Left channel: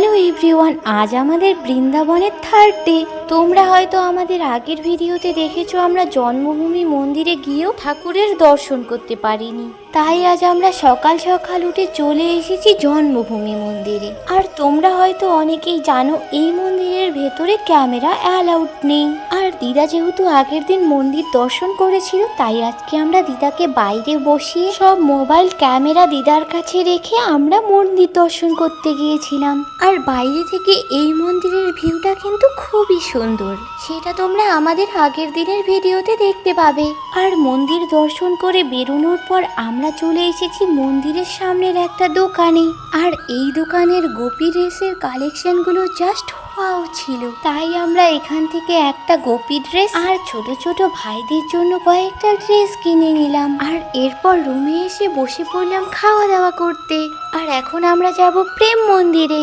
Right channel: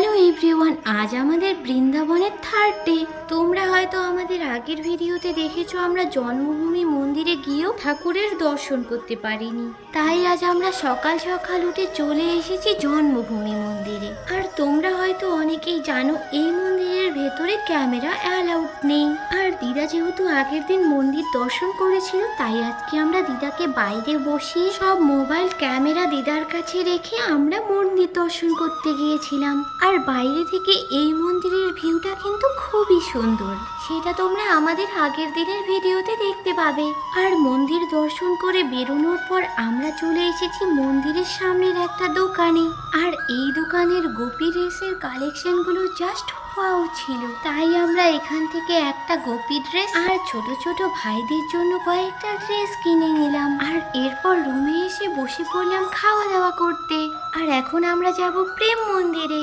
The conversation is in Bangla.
হ্যালো এভরিওয়ান, আজ আমাদের বৃন্দাবনের থার্ড ডে। তোমরা হয়তো আমাদের আগের ভিডিওতে দেখেছো আমরা জন্মভূমি মন্দিরে গিয়েও ঠাকুরের দর্শন করতে পারিনি। তাই আজ আমরা সকাল সকাল উঠে চলে এসেছি জন্মভূমি মন্দিরে। আর তোমরা হয়তো অনেকেই জানো এই মন্দিরের ভেতরে ক্যামেরা অ্যালাউড নেই। আর দিদা যেহেতু আগের দিন মন্দির দর্শন করেছিল, তাই আজকে আমরা দিদাকে বাইরে বসিয়ে সব মোবাইল ক্যামেরা দিদার কাছে রেখে আমরা মন্দির দর্শন করতে গিয়েছিলাম। আর বাইরে থেকে এই মন্দিরের ভিউটা কিন্তু খুবই সুন্দর, সেটা তোমরা আমাদের আগের দিনের ভিডিওতে দেখতে পাবে। আর মন্দির দর্শন করে বেরোনোর পর আমরা চলে এসেছি মন্দিরের সামনের একটা দোকানে। আর এই দোকানের গোপী ড্রেসের কালেকশনগুলো জাস্ট ওয়াও ছিল। তাই আমরা এখান থেকে একটা গোপী ড্রেস আর ছোট ছোট ভাইদের জন্য কয়েকটা ড্রেস কিনে নিলাম। আর এরপর রুমে এসে বসে পড়লাম খাওয়া দাওয়া করতে। আর এখন আমরা যাব প্রেম মন্দিরে।